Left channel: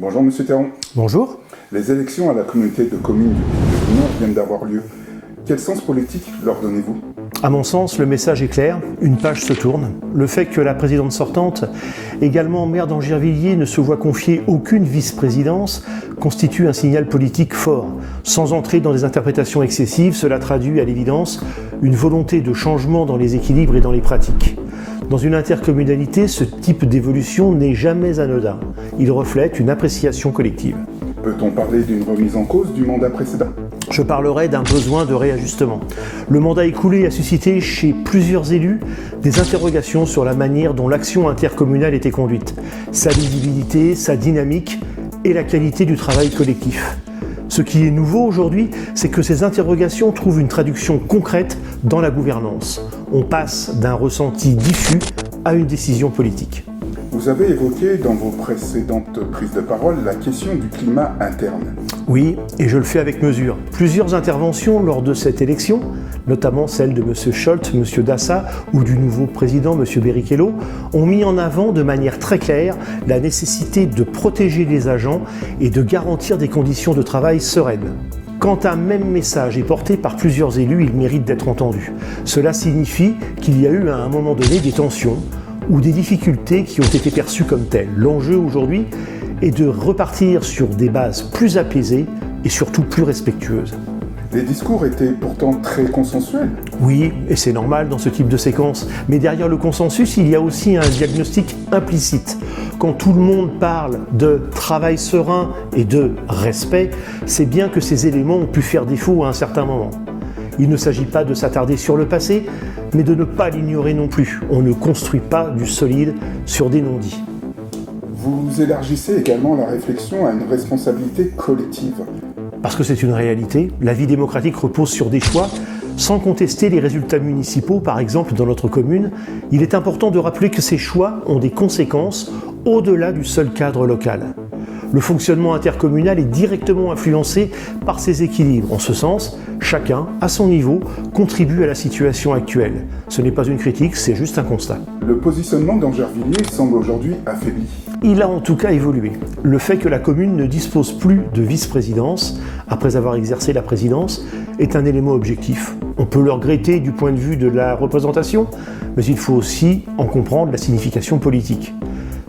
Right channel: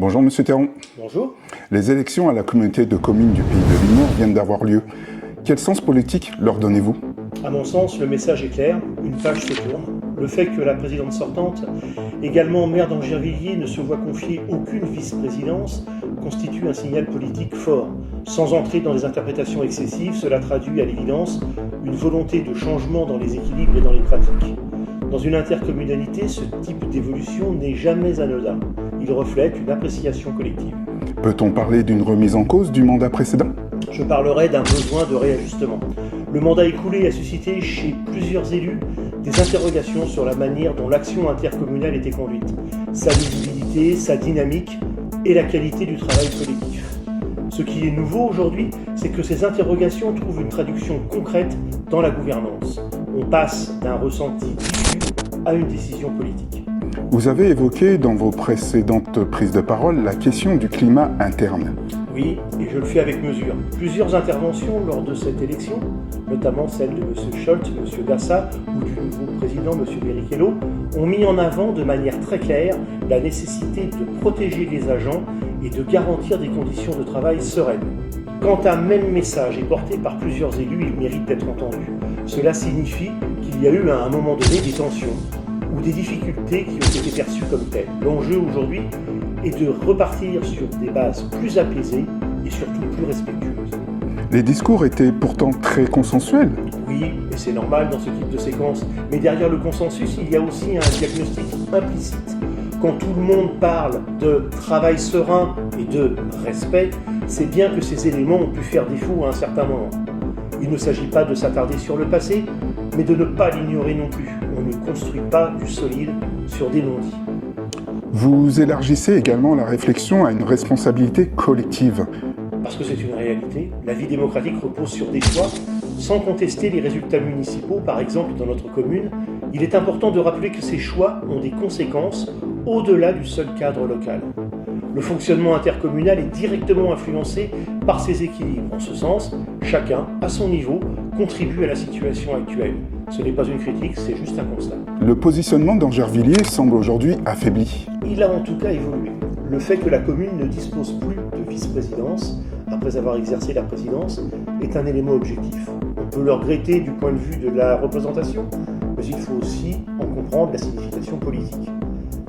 Bonjour Monsieur Théron. Bonjour. Les élections à la communauté de communes du Pays de Lignon viennent d'avoir lieu. Quel sens politique leur donnez-vous ? À mon sens, le message est clair, une page se tourne. Le fait que la présidente sortante, également maire d'Angervilliers, ne se voit confier aucune vice-présidence constitue un signal politique fort. Sans entrer dans des interprétations excessives, cela traduit à l'évidence une volonté de changement dans les équilibres et dans les pratiques. Dans une intercommunalité, ce type d'évolution n'est jamais anodin. Il reflète une appréciation collective. Peut-on parler d'une remise en cause du mandat précédent ? Je parlerai d'un besoin de réajustement. Le mandat écoulé a suscité chez plusieurs élus des interrogations sur la manière dont l'action intercommunale était conduite, sa visibilité, sa dynamique et la qualité du travail collectif. Ce qui est nouveau aujourd'hui, c'est que ces interrogations trouvent une traduction concrète dans la gouvernance. On passe d'un ressenti diffus à une décision politique. Vous avez évoqué dans vos précédentes prises de parole la question du climat interne. Oui, et je le fais avec mesure. Plusieurs interventions lors de cette élection, notamment celle de M. Scholz, M. Dassa ou du nouveau président M. Berriquello, ont mis en avant de manière très claire la nécessité de protéger les agents et de garantir des conditions de travail sereines. Quand un même message est porté par plusieurs élus, il mérite d'être entendu. Cela signifie qu'il y a eu à un moment donné des tensions ou des difficultés qui ont été perçues comme telles. L'enjeu aujourd'hui est de repartir sur des bases plus apaisées et surtout plus respectueuses. Les discours étaient pourtant très consensuels. Oui, et c'est normal dans ce type de séquence. Mais derrière le consensus, il y a aussi un diagnostic implicite. Quand tout le monde parle de travail serein et de respect, c'est bien que ces éléments ont pu faire défaut à un certain moment. Il ne s'agit pas de s'attarder sur le passé, mais de ne pas l'ignorer non plus. On ne construit pas du solide sur des non-dits. Vous élargissez également la réflexion à une responsabilité collective. Parce que c'est une réalité, la vie démocratique repose sur des choix. Sans contester les résultats municipaux, par exemple dans notre commune, il est important de rappeler que ces choix ont des conséquences au-delà du seul cadre local. Le fonctionnement intercommunal est directement influencé par ces équilibres. En ce sens, chacun, à son niveau, contribue à la situation actuelle. Ce n'est pas une critique, c'est juste un constat. Le positionnement d'Angervilliers semble aujourd'hui affaibli. Il a en tout cas évolué. Le fait que la commune ne dispose plus de vice-présidence, après avoir exercé la présidence, est un élément objectif. On peut le regretter du point de vue de la représentation, mais il faut aussi en comprendre la signification politique.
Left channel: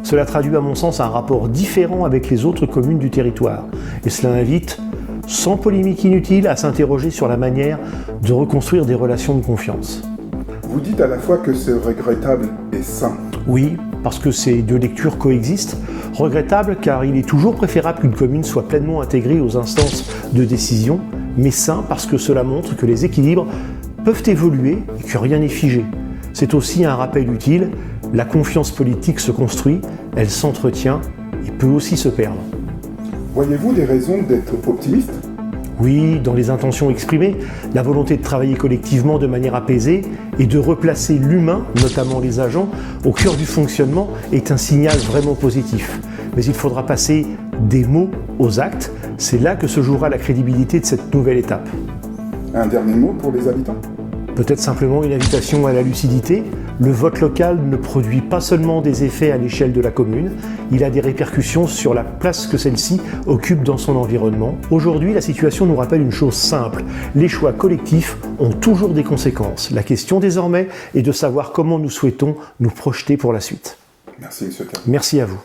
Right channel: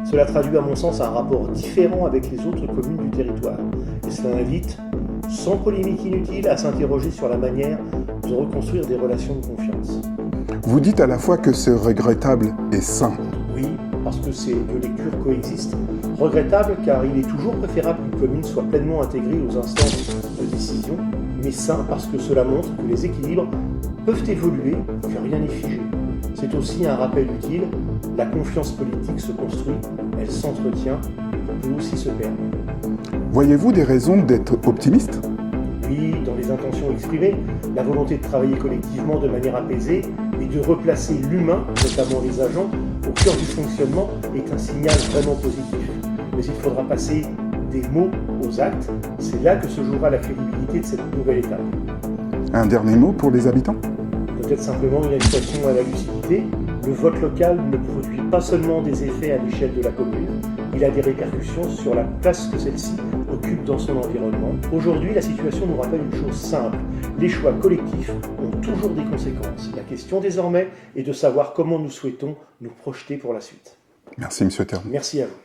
Cela traduit à mon sens un rapport différent avec les autres communes du territoire. Et cela invite, sans polémique inutile, à s'interroger sur la manière de reconstruire des relations de confiance. Vous dites à la fois que c'est regrettable et sain. Oui, parce que ces deux lectures coexistent. Regrettable car il est toujours préférable qu'une commune soit pleinement intégrée aux instances de décision, mais sain parce que cela montre que les équilibres peuvent évoluer et que rien n'est figé. C'est aussi un rappel utile, la confiance politique se construit, elle s'entretient et peut aussi se perdre. Voyez-vous des raisons d'être optimiste ? Oui, dans les intentions exprimées, la volonté de travailler collectivement de manière apaisée et de replacer l'humain, notamment les agents, au cœur du fonctionnement est un signal vraiment positif. Mais il faudra passer des mots aux actes, c'est là que se jouera la crédibilité de cette nouvelle étape. Un dernier mot pour les habitants ? Peut-être simplement une invitation à la lucidité. Le vote local ne produit pas seulement des effets à l'échelle de la commune, il a des répercussions sur la place que celle-ci occupe dans son environnement. Aujourd'hui, la situation nous rappelle une chose simple, les choix collectifs ont toujours des conséquences. La question désormais est de savoir comment nous souhaitons nous projeter pour la suite. Merci Monsieur Théron. Merci à vous.